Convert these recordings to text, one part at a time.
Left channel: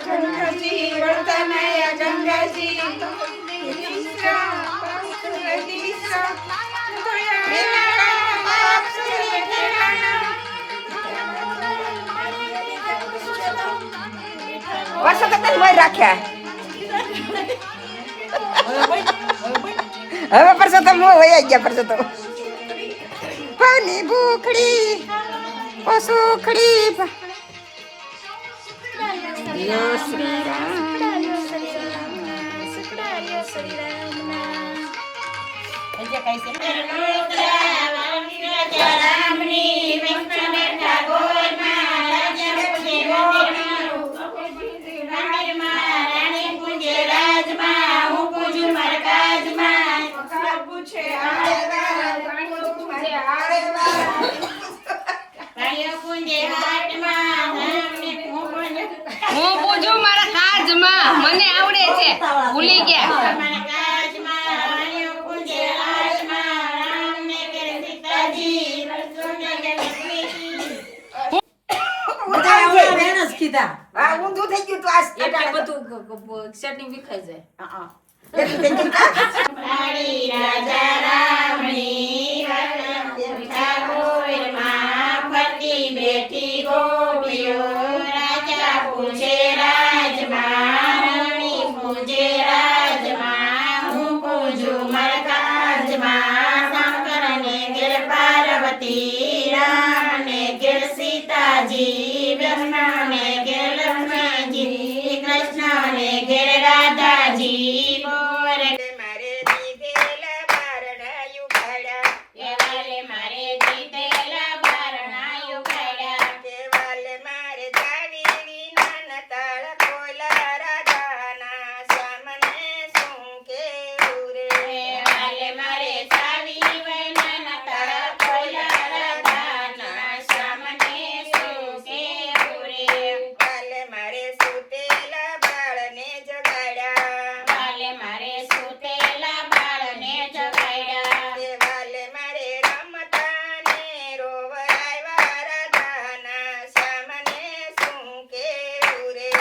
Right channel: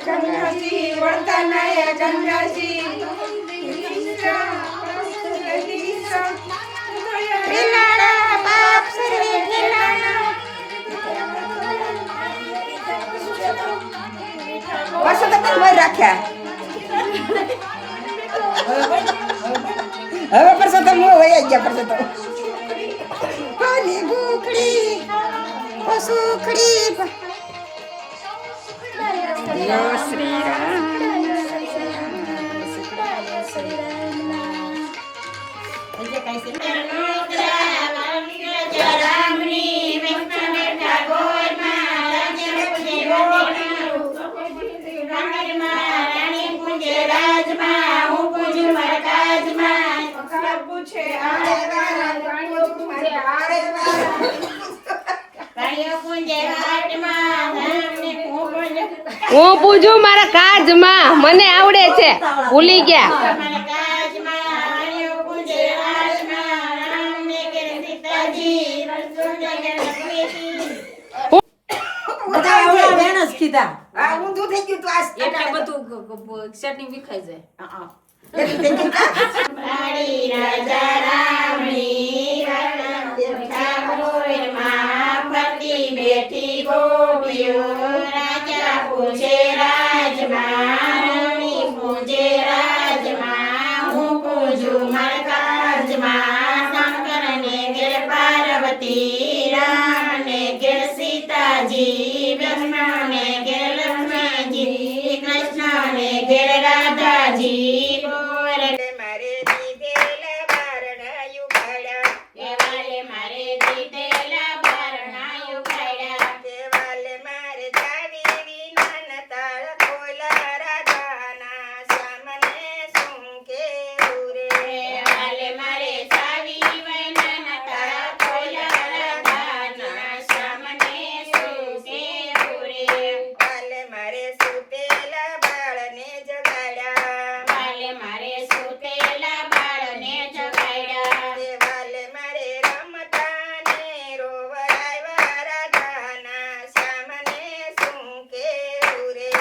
ગંગાજી વર્તનય ગંગાજી રાખ્યા હવે પરસોત્તમ વયા ગયા પરસોત્તમ પાણી ભૂખડી સુખડી યો શ્રી હું પૂછું મારા કાજમાં મને આવડે છે ભૂલી ગયા ઊંધું થઈ ગયું તો બધું ચટણી વિખાઈ જાય બેઠી ગોપીઓ રાજા પૂછે રાજમાં પૂજે રાજમાં હું પૂજું મરકાજમાં શંકર ને ઘેર પાર્વતી રામ ને ઘેર સીતાજી વિષ્ણુ ને ઘેર લક્ષ્મણજી કૃષ્ણ ને ઘેર રાધાજી બોલે મારે દીધેલા બારણાયું ભાડા કેવાલે મારે દીધેલા બારણાયું ભાડા કેવાલે મારે જાવી વિના તાળ ખોલા રાધાના સામને શું કેવું રે કેવાલે મારે જાવી વિના તાળ ખોલા રાધાના સામને શું કેવું રે વાલે મારે સુતેલા બાળને જગાડ્યા વાલે મારે સુતેલા બાળને જગાડ્યા વાલે મારે રમતા ને રોવરાવ્યા રાધાના સામને શું કેવું રે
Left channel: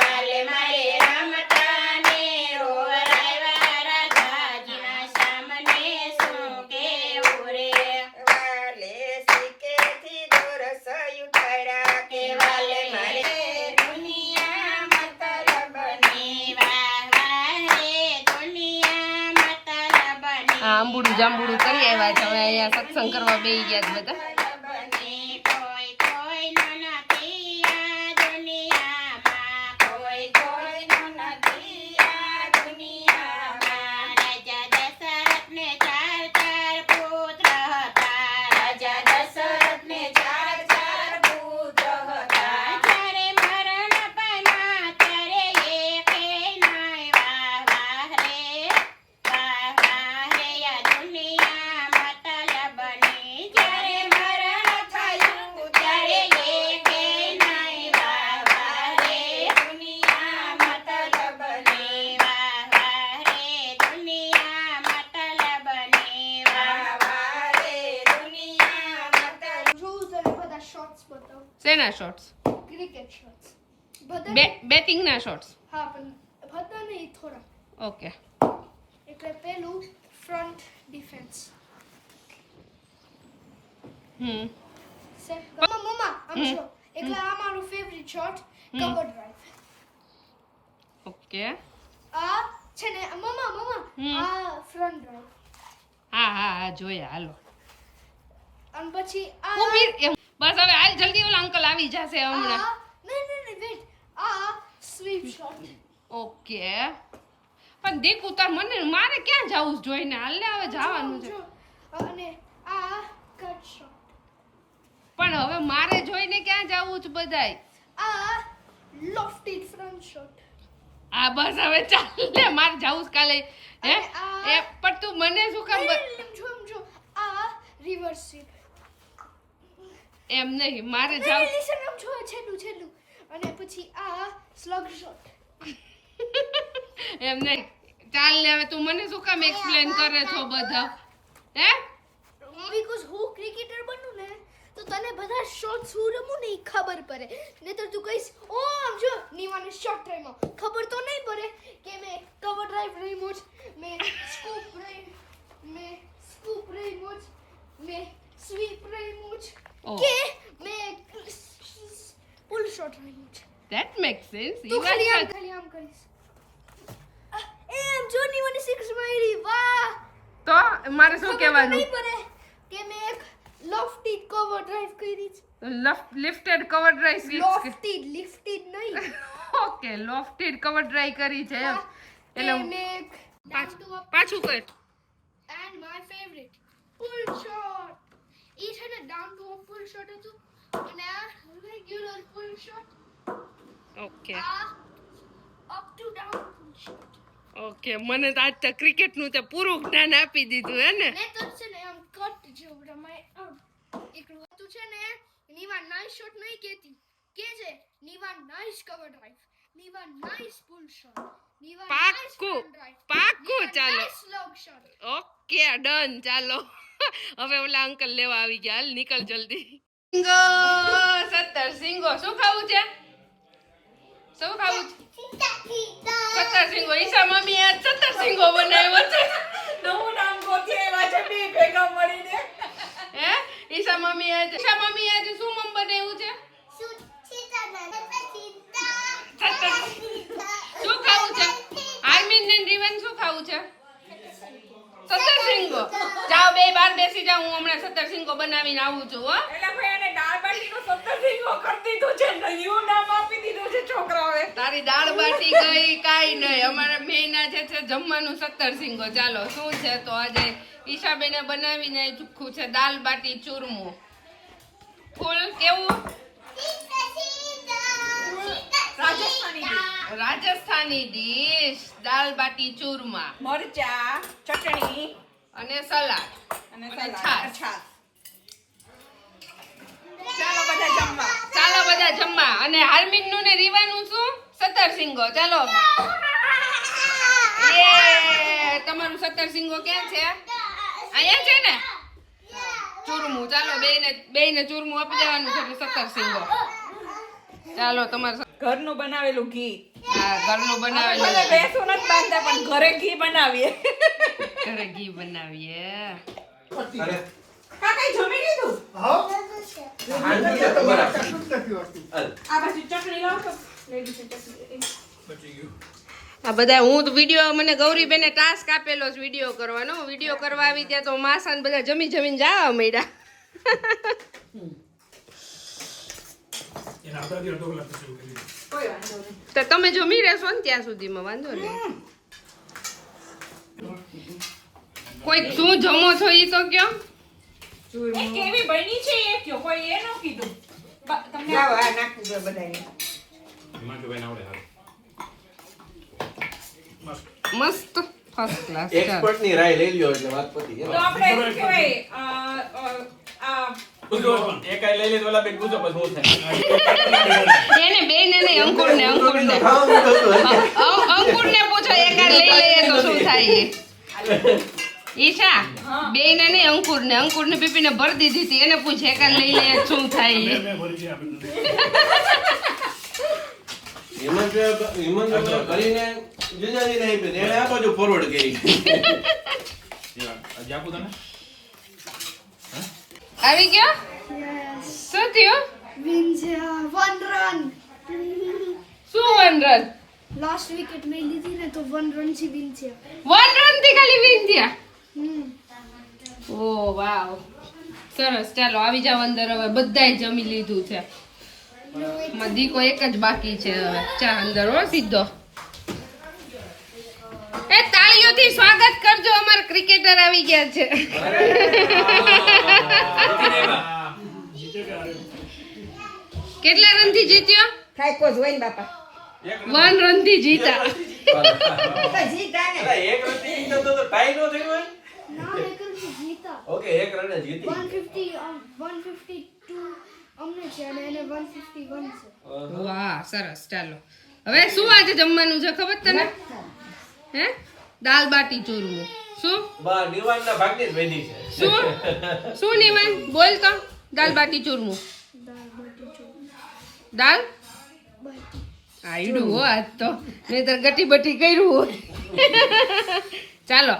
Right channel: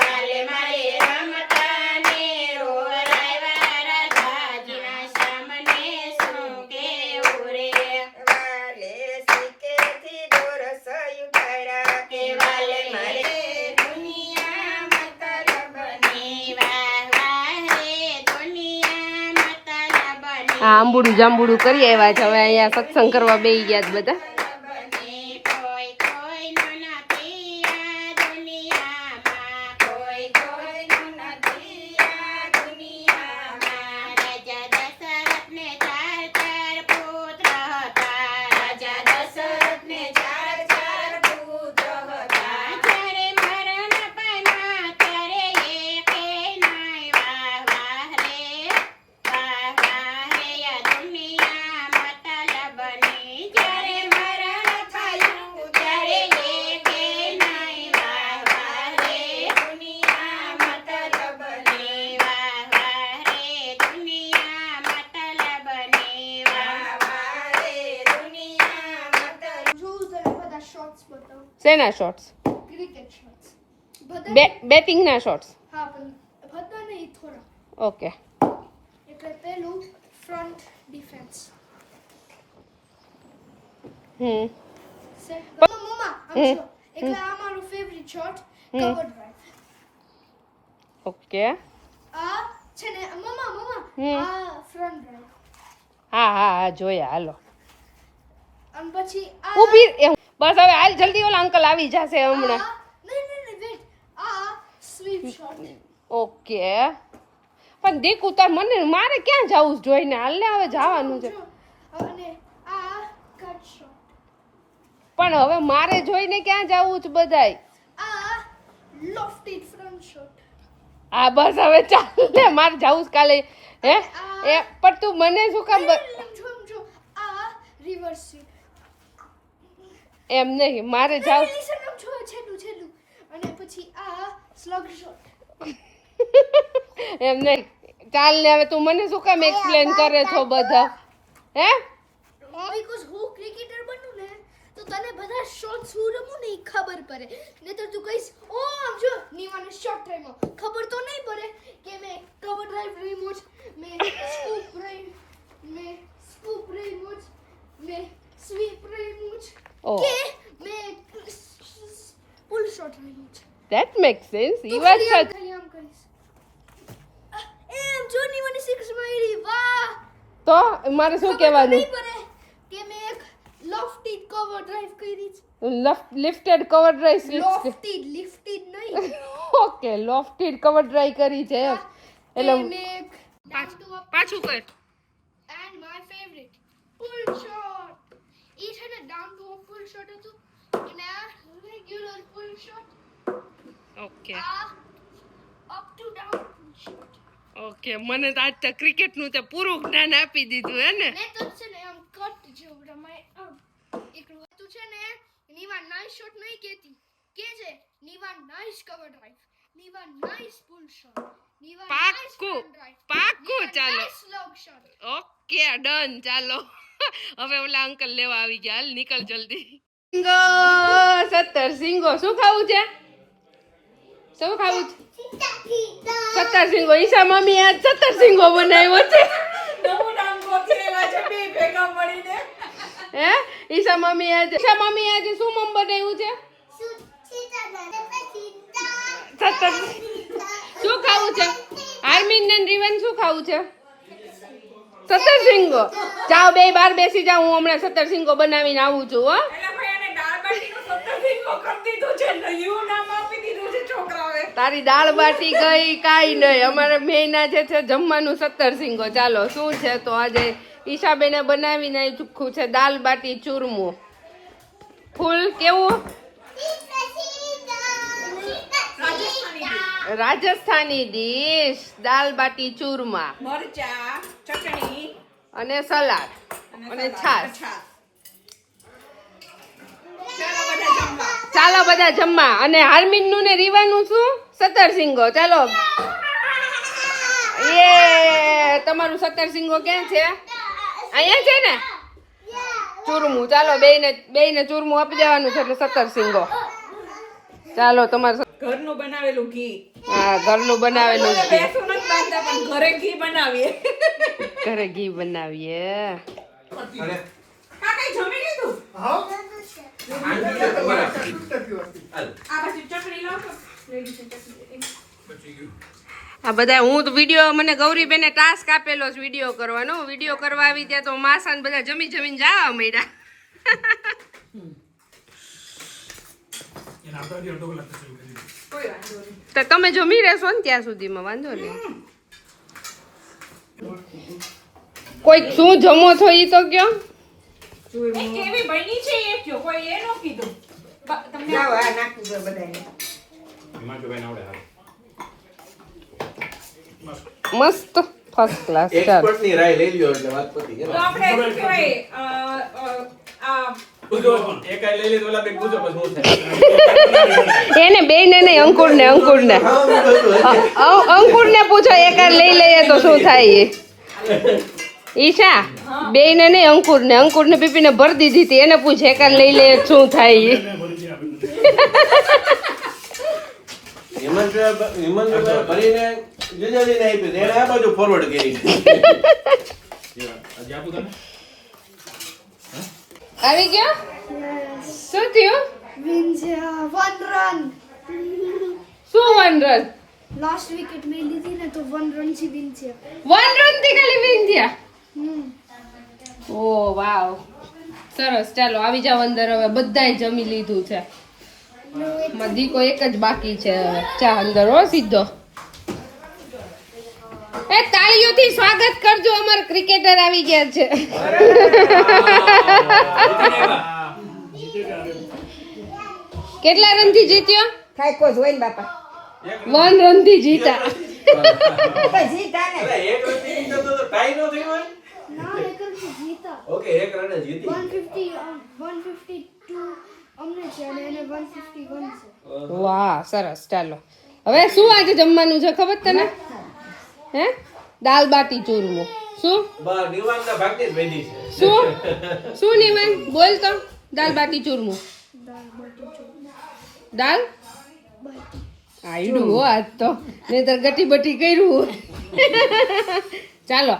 વાલે મારે રમતા ને રોવરાવ્યા રાધાના સામને શું કેવું રે વાલે સિક્કેથી દોરસયું થયા કે વાલે મારે દુનિયા મતલબની વાહ વાહ રે દુનિયા મતલબની આ આંબુડું જાંબુડું કરી આવ્યા છે હવે અહીંયા સત્સંગ કરવા બેસી ગયા છે બધા કોઈ કોઈનો નથી આ દુનિયામાં કોઈ કોઈનો નથી આ દુનિયામાં રાજા દશરથને ચાર પુત્ર હતા રાજા દશરથને ચાર પુત્ર હતા જ્યારે મરણ પામ્યા ત્યારે એકે નાય વાહ વાહ રે આ દુનિયા મતલબની જ્યારે મરણ થયું ત્યારે એકે નાય વાહ વાહ રે દુનિયા મતલબની વાહ વાહ રે દુનિયા મતલબની વાહ વાહ રે દુનિયા મતલબ Rules અને બધા શોર્ટ્સ બતાવો શેના શોર્ટ્સ ક્રિકેટ શોર્ટ્સ બધા બેટિંગના શોર્ટ્સ હા પણ બધા નહીં થોડા ઓકે એટલે પેલું ફ્રન્ટ ડિફેન્સ સેટ મમ્મા આમ છો એટલે આ મારું favourite shot cover drive okay આ છે ને મમ્મા આ ફ્રન્ટ ડ્રાઈવ હા હા હા જોયા હાલો અને પછી આ ઊભી બસ હવે હાલ જલ્દી ઓલા અંકલ આવી જશે હમણાં નહીં વેટ આ સ્વીપ શોટ ઓકે પણ દેખ ઉતાર મને મારે ક્યાં જવું છે જોઈને હાલને હવે જવાનું છે અને આ કટ શોટ પણ હવે મારે જોઈને ક્યાં જવું છે બધાય આ લોફટેડ ફ્રન્ટ શોટ આ બસ હવે ચાલ ને મારે જવું છે કાલે હે એ પણ તું મને શું કામ સમજો આ રિવર્સ સ્વીપ એમ નહીં મારે જાવ સમજો છેલ્લું અને પછી આ સ્લગ શોટ એમ નહીં ચાલ ને હવે તું મને શું કામ એક્સપ્લેન કરે છો બધા હે બીકોઝ હું ક્રિકેટર બનું ને તો તને બધા શોટ્સ હું રમું ને ઈ ખબર પડે નહીં તો તું કહીશ ઓ આમ જો નીવાને શોર્ટ ડ્રાઈવમાં ખબર તો નહીં પડે કે મેં કવર ડ્રાઈવ રિમોટ મેં સ્કૂપ રિમોટ મેં સ્વીપ રિમોટ Oh. કે મેં full short remote that make sense તું ઈ વાત ખાલી સાચી. આમ કરીશ એમ જો નીવાને 6 મારી વાહ તો મારે શું કહેવાનું નહીં પડે કે મેં એક લોફ્ટી કવર ડ્રાઈવ કરી છે લિફ્ટેડ કવર ડ્રાઈવ લિફ્ટેડ નહીં ઓકે લોફ્ટેડ કવર ડ્રાઈવ કરી છે એમ. એટલે પાછું કર. and my favorite full shot એ છે ને down to full shot હતું અને આ regular full shot ઓકે આ up to down full shot okay મને તો આજ તો ક્રિકેટ નું તે પૂરું જ્ઞાન આપી દીધું હે ને. મેં તો છે ને આમ કટ જેવું રમાય એક હતું છે ને નીવા નાઇસ શોટ નહીં કેતી કે છે નીવા નાઇસ કવર ડ્રાઈવ નીવા નાઇસ ફૂલ શોટ નીવા નાઇસ પાક્કું ડ્રાઈવ પાક્કું ચાલો nice long shot okay done ચાલો હવે ઓલા અંકલ લેવા આવી ગયા હાલ નીકળ જલ્દી. સિંગો 17 સિંગો શું ખાવું છે શું ખાવું છે 17 સિંગો ઈશા મમ્મી આજ 17 સિંગો બનાવ્યો છે નવું નામ ગોતેલા છે બે ભેગા મળીને હે ઈશા મમ્મી આજે શું મમ બનાવ્યું છે 17 શું ખાવું છે આર્મિન ને રીવન શું ખાવું છે 17 સિંગો જાઓ બે બાર બેસી જાઓ હું હમણાં 17 સિંગો બનાવીને આવું છું હો. એટલે ભાઈ આને દાળ બાટીનો 17 સિંગો કરી દીધું છે નયું નામ આપી દીધું છે છોકરાઓએ તારી દાળ બાટી ગઈ કાઈ નહીં અમારે મેના જે છે જમવાનું 17 સિંગો. ચાલો શું છે તો આજે ઈશાબેને બનાવીને ચૂખ્ખું છે દાળ બાટી ચૂરમું ફૂલ કેવું રાજસ્થાની ડીશ દાળ બાટી ચૂરમા મરચા ચટણી અને સલાડ અને છાશ. ચાલો બધા જમવા અને હાર્મિન નું ને રીવાનું શું 17 સિંગો. ચાલો એ તમારું 17 સિંગો ક્યાં છે અહીંયા છે ને ચૂરમું. ચાલો બેયને ચૂરમું આપી દેવાનું છે એટલે 17 સિંગો. ચાલો તમારું ઘરનું બનાવેલું ઘી હા ઘરનું બનાવેલું મને બેસું નથી બાંધતા પણ ઘરે ઘી બનાવીએ ઘરે ઘી બનાવીએ. કાકાએ જમી લીધું આ પાછી ચટણી લાવો તો આ બધા હું તો વિડીયો મને ગૌરીબેને ટાસ્ક આપેલો છે વિડીયો કરવાનો. વિડીયો કરવા આવી ત્યાં તો માસા ને બધા જમીને જવા મળ્યા. તો તમે જમી રહેશો ને ત્યાં સુધીમાં વાંધો નહીં. કોઈ શું જમો છો ઈ તો કયો. એ કેવી બની છે એ કયો કોઈ એ નો કીધું તમને આ નાખવું છે બધાને મસ્ત ફર્સ્ટ ક્લાસ. એક્સપર્ટ ની રાય લઈ લ્યો એટલે વાત પતી તો આપણે શું કહેવાય આ એકાઈ લઈ લે તો ઓલા બેન પૂછો પછી હું થાય એને બે ને નહીં અંકુરને પૂછો એક લઈ લઈએ તો શું થાય એ. ઈશા બે ને નહીં અંકુરને પીપીને ભરી દીધી હતી એને પૂછે એક લઈ લઈએ શું થાય એ. હેમંત કરીને જુજાવીને આપ્યું એને આ બાજુ ફોરવર્ડ કરી આવી ગયો શું થયું વિન્ઝા 1 રન શું 1 રન લાસ્ટ વિકેટ મેં લીધી ને તો 1 રન થી વિન થયા 1 રન થી ખાલી વિન થયા. ઓ વાવ સરસ. ચાલો આવી જાવ અંદર હવે બધાય જમી લીધું છે. માં દીકો એક જ બાકી છે હવે. ચા અંદર હો સીધો. એ તાળીઓથી સ્વાગત કરજો અમારા ક્રિકેટર આવી ગયા છે. કેટલા રન થી જીત્યો ખાઈ કો જોઈને બાપા 1 રન થી જીતા. તો જીતા ને એક રન થી તો ટાઈ નો થયો હોય ના એક રન થી જીતા ઓકે એક રન જીતી 152 અમને છે અને એને 151 છે વાહ સરસ. ચાલો હવે શું આજે જમવાનું છે ખબર તને હે દાલ બાટી ચૂરમું. શું બા નિવાનના ભાગની જ વેદી છે શું નિવાન બોલ તો દાલ બાટી ચૂરમું. દાલ આયડું હો આજ તો નહીતર ગટી બટી કર્યું હોય ચાલો